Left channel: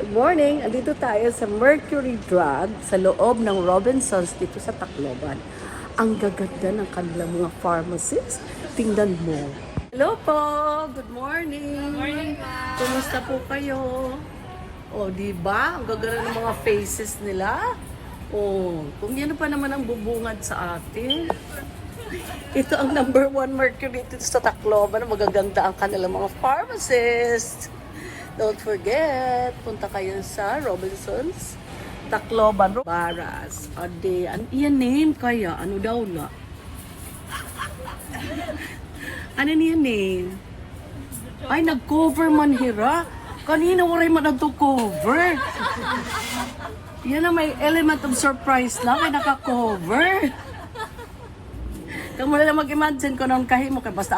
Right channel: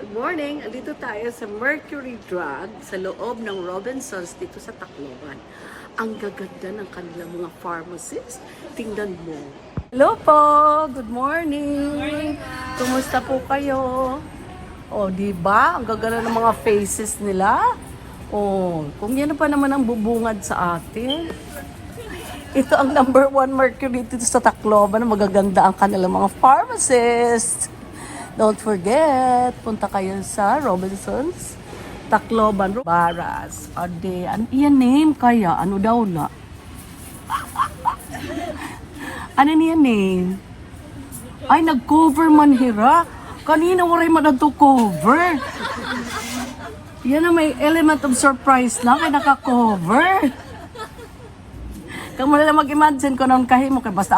Good morning! Andito tayo sa Mercury Drug sa loob ng Robinsons dito sa Tacloban. Ang gaganda ng kanilang mga pharmacies. Tingnan mo. Hello po! Good morning! Kumusta po kayo? O, diba? Ang gaganda ng mga faces nila. O, kung yan pa naman ang bubungad sa atin. Ito ang number 1 Mercury dito sa Tacloban. Magaganda ang kanilang mga pharmacists. Don't forget, punta kayo sa Robinsons, Tacloban, Baras. Ade, iyan name kaya? Ano daw na? Ano niya name? Ay, nag-cover man hira. Kanina waray man na to cover. Yan na may element of surprise lang ay naka-cover. Kung mo na mag-imagine ko nung kahimo kay basta